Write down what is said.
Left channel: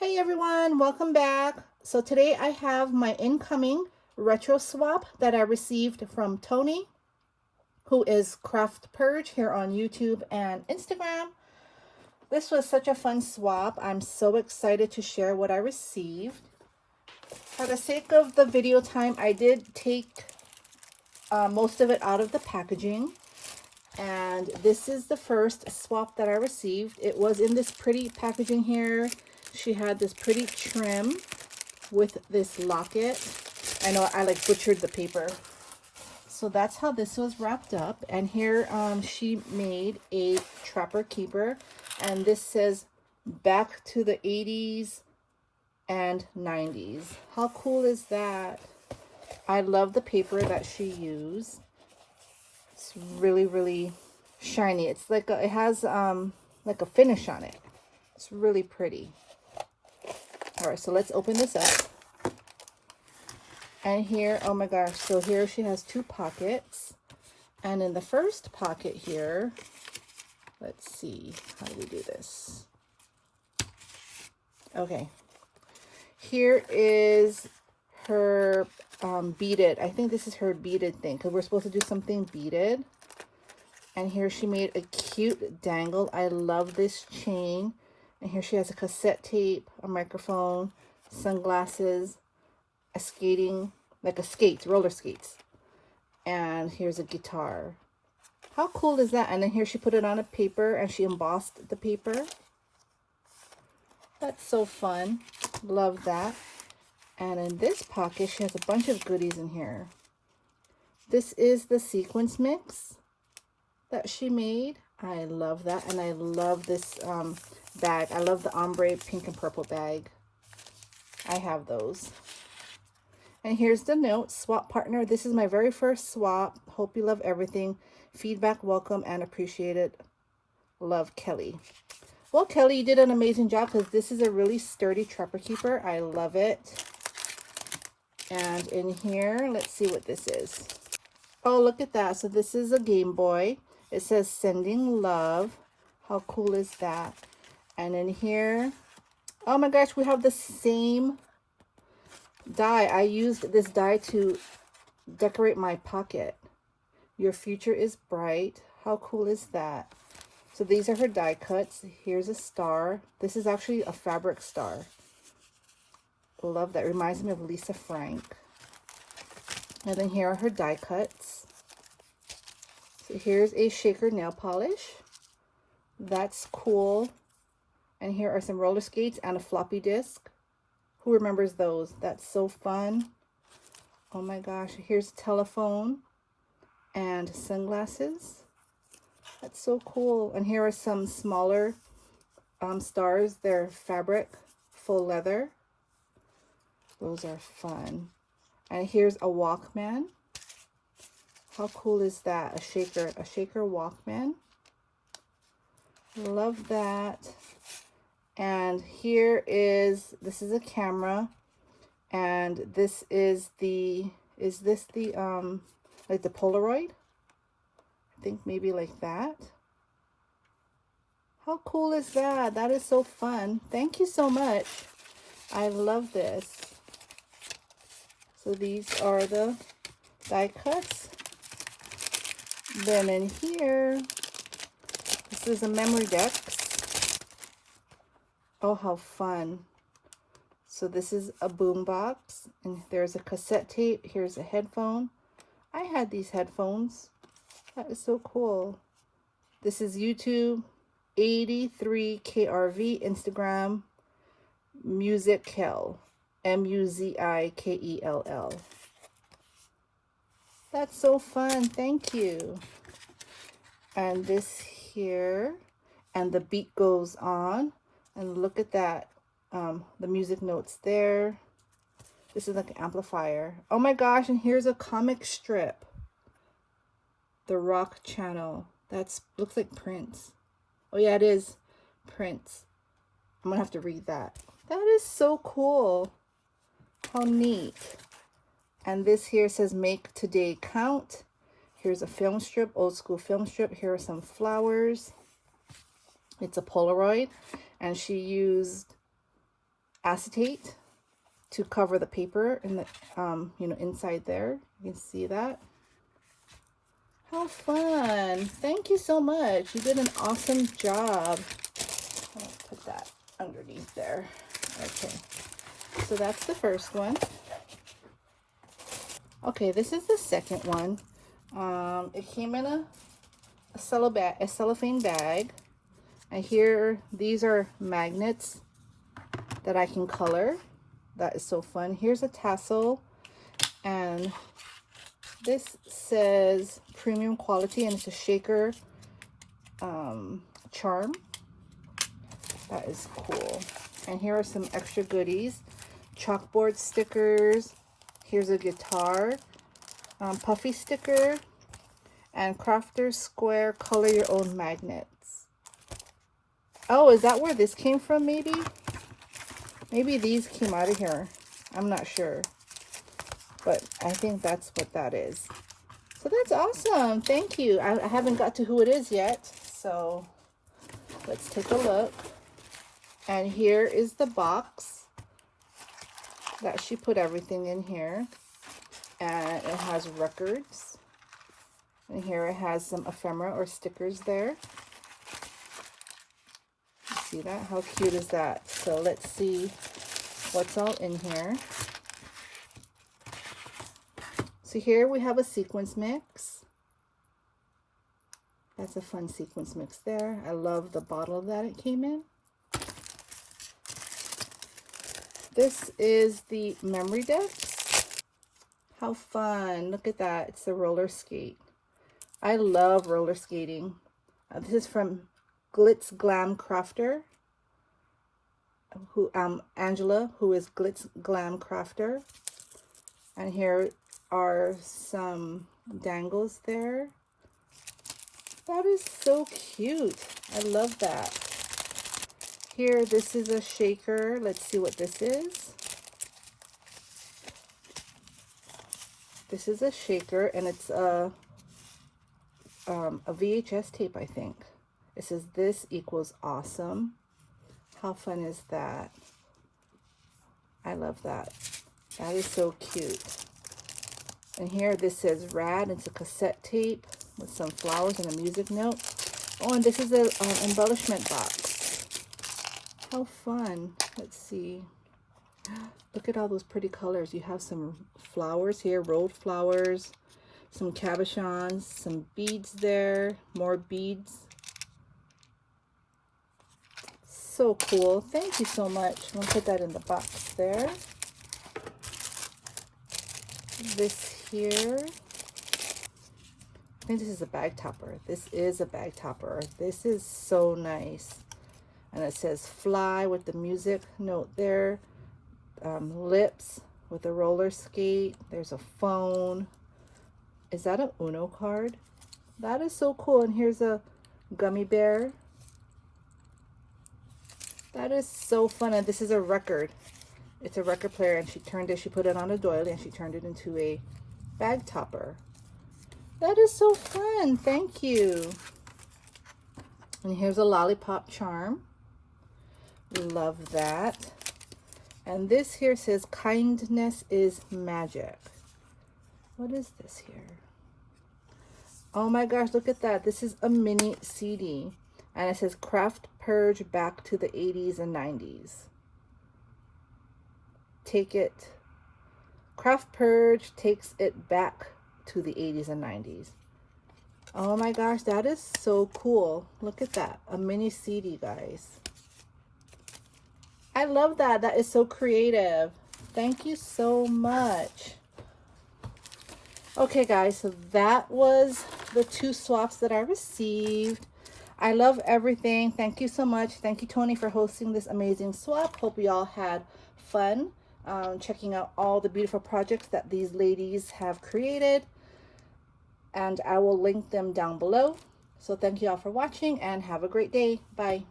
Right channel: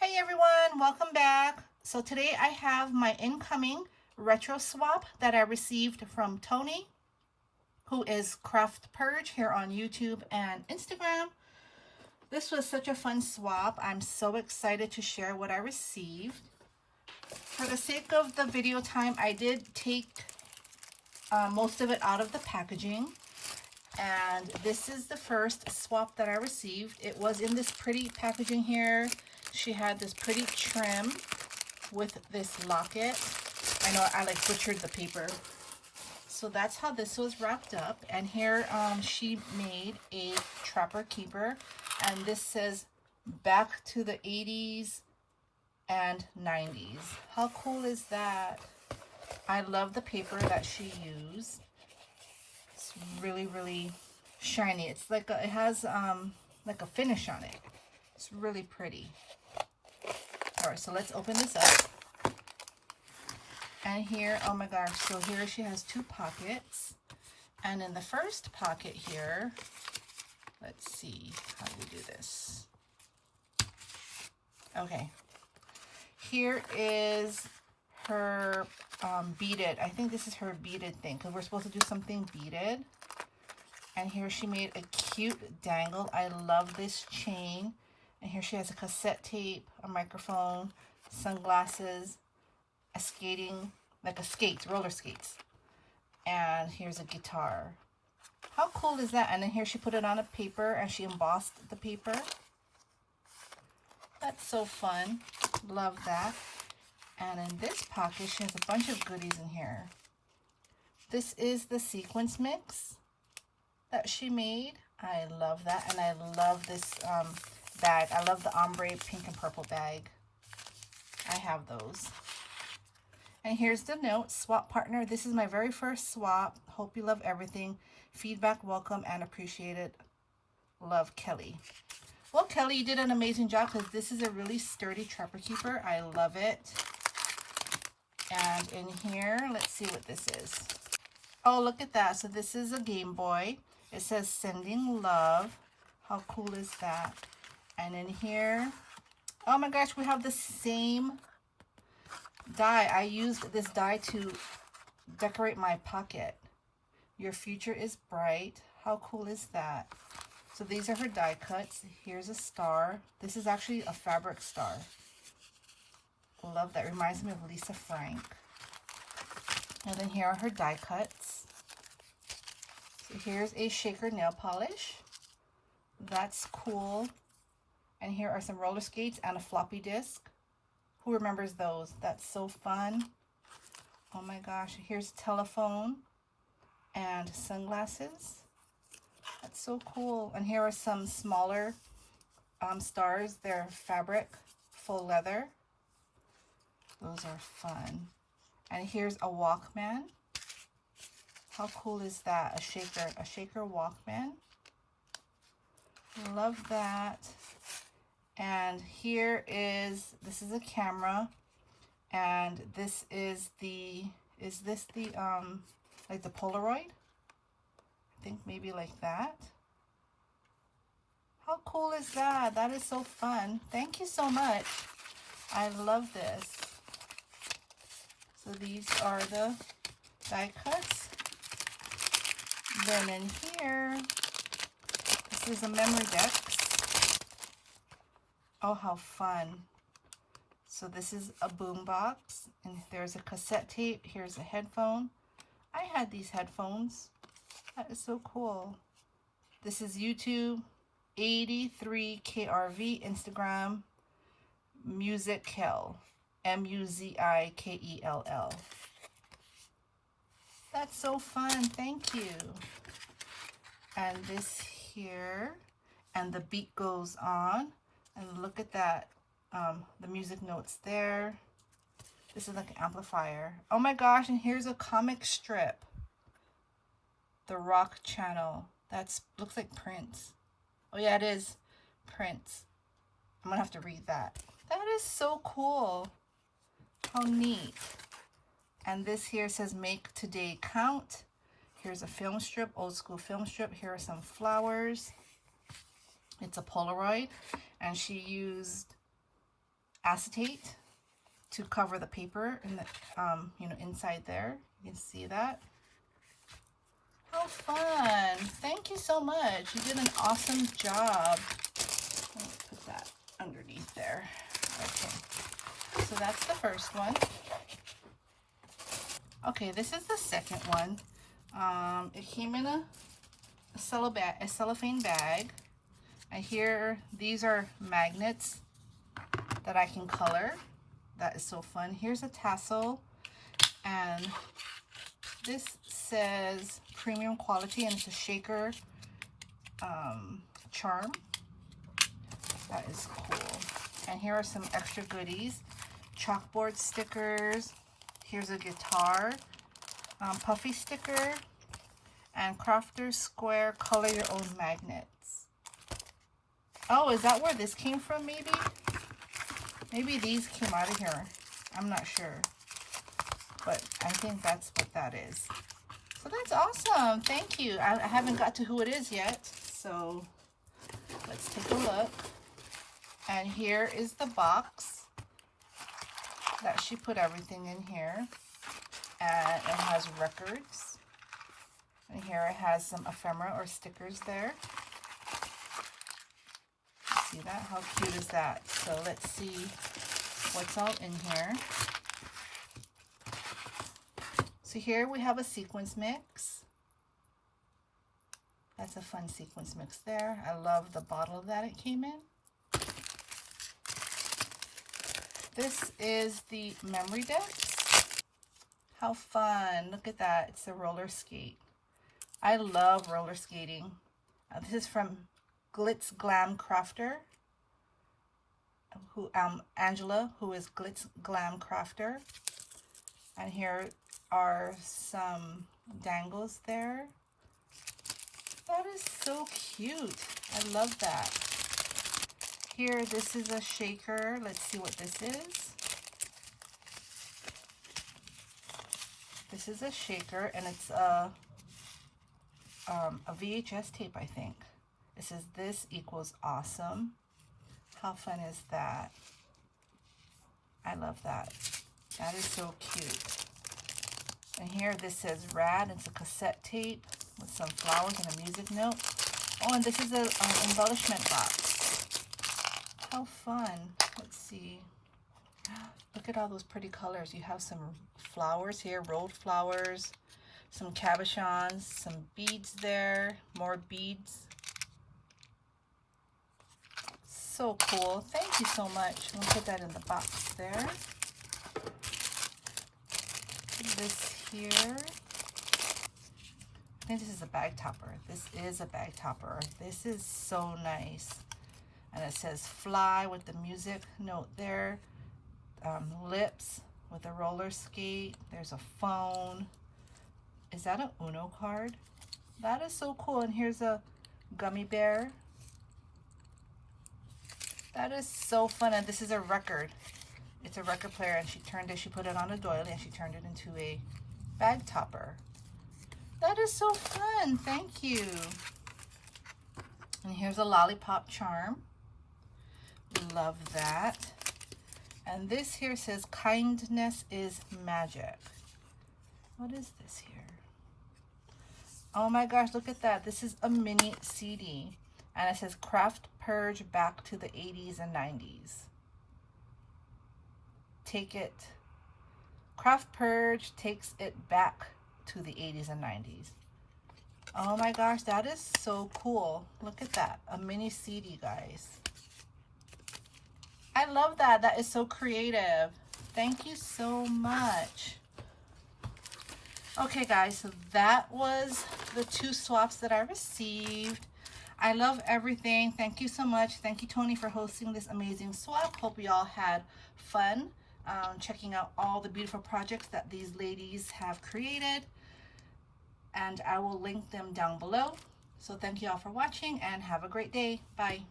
Hey everyone, welcome back. So today I have my incoming retro swap that I received from Toni, who is Craft Purge here on YouTube and Instagram. This was such a fun swap. I'm so excited to share what I received. For the sake of the video time, I did take most of it out of the packaging. And this is the first swap that I received. It was in this pretty packaging here. She had this pretty trim with this locket. I know I like butchered the paper. So that's how this was wrapped up. And here she made a trapper keeper. And this says back to the 80s and 90s. How cool is that? I love the paper that she used. It's really, really shiny. It's like it has like a finish on it. It's really pretty. All right, so let's open this up. And here, oh my gosh, so here she has two pockets. And in the first pocket here, let's see, how do we do this? Okay, here is her beaded, I think this is her beaded thing, because we're supposed to do something beaded. And here she made a cute dangle. I love this chain. And here she has a cassette tape, a microphone, sunglasses, a skating, like a skates, roller skates. And here's a guitar. How cool is that? And then here she put it on a paper and she embossed the paper. That's so fun. Love that. And in this pocket, she has a bunch of goodies in here. This is the sequence mix that she made. I love that. And I love this bag. I love the ombre pink and purple bag. I have those. And here's the note. Swap partner. This is my very first swap. Hope you love everything. Feedback welcome and appreciated. Love, Kelly. Well, Kelly, you did an amazing job because this is a really sturdy trapper keeper. I love it. And in here, let's see what this is. Oh, look at that. So this is a Game Boy. It says sending love. How cool is that? And in here, oh my gosh, we have the same die. I used this die to decorate my pocket. Your future is bright. How cool is that? So these are her die cuts. Here's a star. This is actually a fabric star. Love that. Reminds me of Lisa Frank. And then here are her die cuts. So here's a shaker nail polish. That's cool. And here are some roller skates and a floppy disk. Who remembers those? That's so fun. Oh my gosh. Here's a telephone and sunglasses. That's so cool. And here are some smaller stars. They're fabric, full leather. Those are fun. And here's a Walkman. How cool is that? A shaker Walkman. Love that. And here is, this is a camera. And this is this the, like the Polaroid? I think maybe like that. How cool is that? That is so fun. Thank you so much. I love this. So these are the die cuts. Then in here, this is a memory deck. Oh, how fun. So this is a boom box, and there's a cassette tape. Here's a headphone. I had these headphones. That is so cool. This is YouTube, 83KRV, Instagram, Musical, Muzikell. That's so fun. Thank you. And this here, and the beat goes on. And look at that. The music notes there. This is like an amplifier. Oh my gosh, and here's a comic strip. The Rock Channel. That's looks like Prince. Oh yeah, it is Prince. I'm gonna have to read that. That is so cool. How neat. And this here says make today count. Here's a film strip, old school film strip. Here are some flowers. It's a Polaroid, and she used acetate to cover the paper in the, inside there. You can see that. How fun. Thank you so much. You did an awesome job. I'll put that underneath there. Okay. So that's the first one. Okay, this is the second one. It came in a cellophane bag. And here, these are magnets that I can color. That is so fun. Here's a tassel, and this says premium quality, and it's a shaker charm. That is cool. And here are some extra goodies. Chalkboard stickers. Here's a guitar, puffy sticker, and Crafter's Square color your own magnets. Oh, is that where this came from maybe? Maybe these came out of here. I'm not sure. But I think that's what that is. So that's awesome. Thank you. I haven't got to who it is yet. So let's take a look. And here is the box that she put everything in here. And it has records. And here it has some ephemera or stickers there. See that? How cute is that? So let's see what's all in here. So here we have a sequence mix. That's a fun sequence mix there. I love the bottle that it came in. This is the memory disc. How fun. Look at that. It's a roller skate. I love roller skating. This is from Glitz Glam Crafter, Angela, who is Glitz Glam Crafter. And here are some dangles there. That is so cute. I love that. Here, this is a shaker. Let's see what this is. This is a shaker, and it's a VHS tape, I think. It says this equals awesome. How fun is that? I love that. That is so cute. And here this says rad. It's a cassette tape with some flowers and a music note. Oh, and this is an embellishment box. How fun. Let's see. Look at all those pretty colors. You have some flowers here, rolled flowers, some cabochons, some beads there, more beads. So cool. Thank you so much. I'm gonna put that in the box there. This here, I think this is a bag topper. This is a bag topper. This is so nice. And it says fly with the music note there. Lips with a roller skate. There's a phone. Is that an Uno card? That is so cool. And here's a gummy bear. That is so fun. And this is a record. It's a record player, and she put it on a doily, and she turned it into a bag topper. That is so fun. Thank you. And here's a lollipop charm. Love that. And this here says kindness is magic. What is this here? Oh my gosh, look at that. This is a mini CD. And it says Craft Purge back to the 80s and 90s. Craft Purge takes it back to the 80s and 90s. Oh my gosh, that is so cool. Look at that. A mini CD, guys. I love that. That is so creative. Thank you so much. Okay, guys, so that was the 2 swaps that I received. I love everything. Thank you so much. Thank you, Toni, for hosting this amazing swap. Hope you all had fun checking out all the beautiful projects that these ladies have created. And I will link them down below. So thank you all for watching, and have a great day. Bye.